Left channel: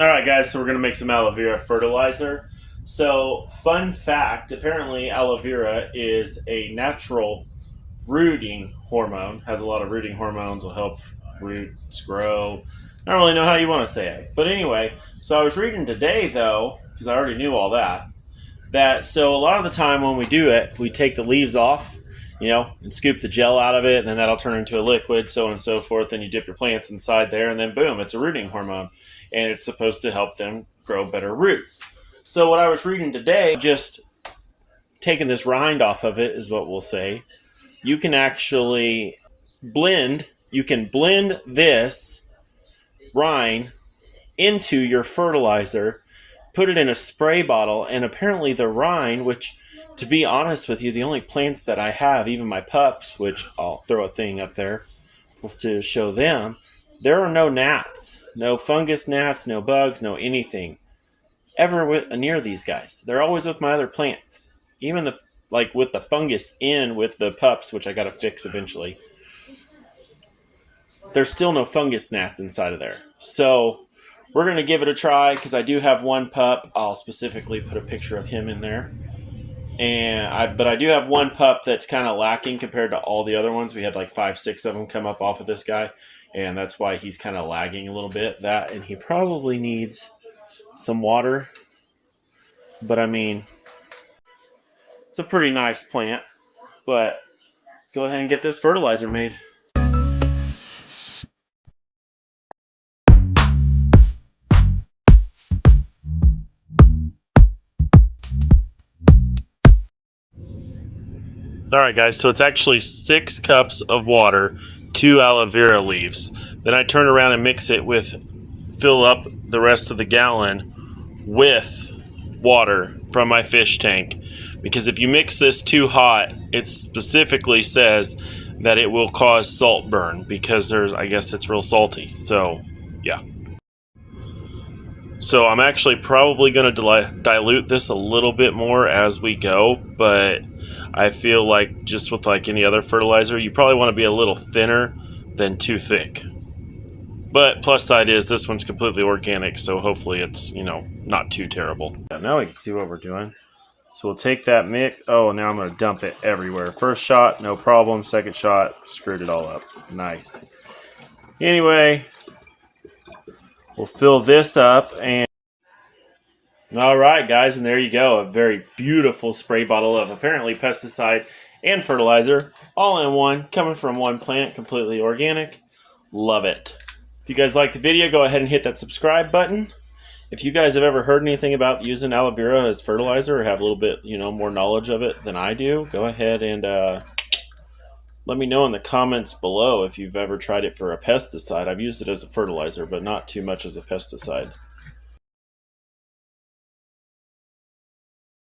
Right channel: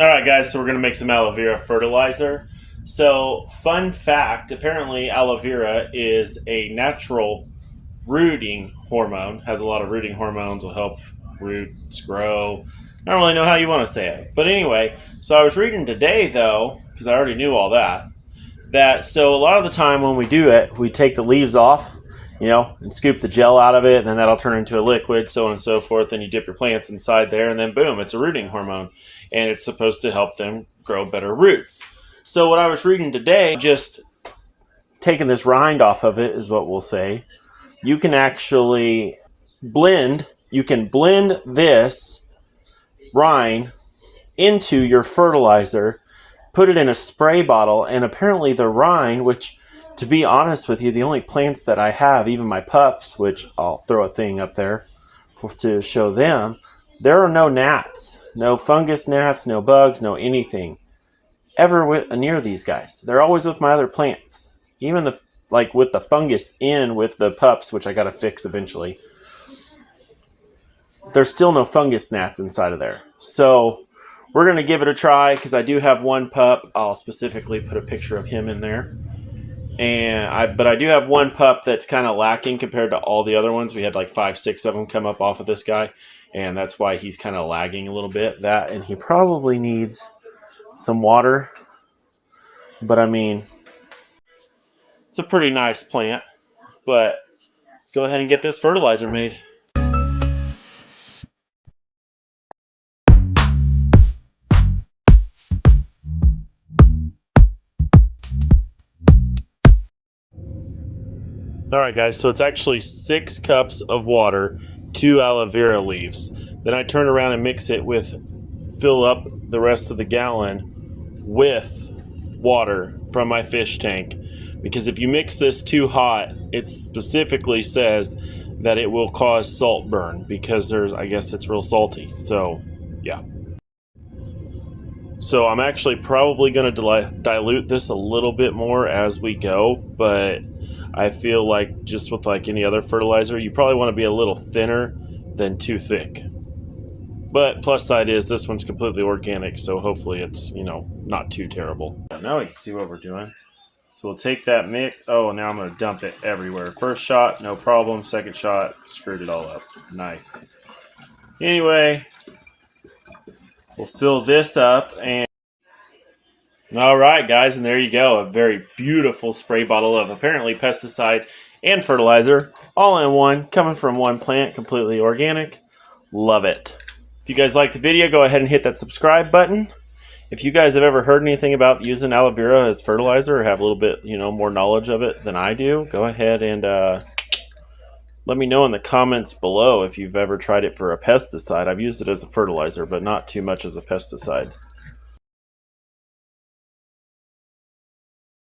Alright guys, so we're going to make some aloe vera fertilizer. So, fun fact, apparently aloe vera is a natural rooting hormone, has a lot of rooting hormones, will help roots grow. I don't really know how you want to say it. But anyway, so I was reading today though, because I already knew all that so a lot of the time when we do it, we take the leaves off, and scoop the gel out of it, and then that'll turn into a liquid, so on and so forth. Then you dip your plants inside there, and then boom, it's a rooting hormone, and it's supposed to help them grow better roots. So what I was reading today, just taking this rind off of it is what we'll say. You can actually blend this rind into your fertilizer, put it in a spray bottle, and apparently the rind, which, to be honest with you, the only plants that I have, even my pups, which I'll throw a thing up there to show them, there are no gnats, no fungus gnats, no bugs, no anything ever near these guys. They're always with my other plants. Even with the fungus in with the pups, which I got to fix eventually, there's still no fungus gnats inside of there. So we're going to give it a try because I do have one pup. I'll specifically put a picture of him in there. But I do have one pup that's kind of lacking compared to all the other ones. We had like 5, 6 of them come up off of this guy, and that's why he's kind of lagging a little bit. And he probably needs some water. But I mean, it's a pretty nice plant. But let's go ahead and get this fertilizer made. Alright guys, so it's actually 6 cups of water, 2 aloe vera leaves. Then I turn around and fill up the rest of the gallon with water from my fish tank. Because if you mix this too hot, it specifically says that it will cause salt burn because I guess it's real salty. So, yeah. So I'm actually probably going to dilute this a little bit more as we go, but I feel like just with like any other fertilizer, you probably want to be a little thinner than too thick. But plus side is this one's completely organic, so hopefully it's, not too terrible. Now we can see what we're doing. So we'll take that mix. Oh, now I'm going to dump it everywhere. First shot, no problem. Second shot, screwed it all up. Nice. Anyway, we'll fill this up and alright guys, and there you go, a very beautiful spray bottle of apparently pesticide and fertilizer, all in one, coming from one plant, completely organic. Love it. If you guys liked the video, go ahead and hit that subscribe button. If you guys have ever heard anything about using aloe vera as fertilizer or have a little bit, more knowledge of it than I do, go ahead and let me know in the comments below if you've ever tried it for a pesticide. I've used it as a fertilizer, but not too much as a pesticide.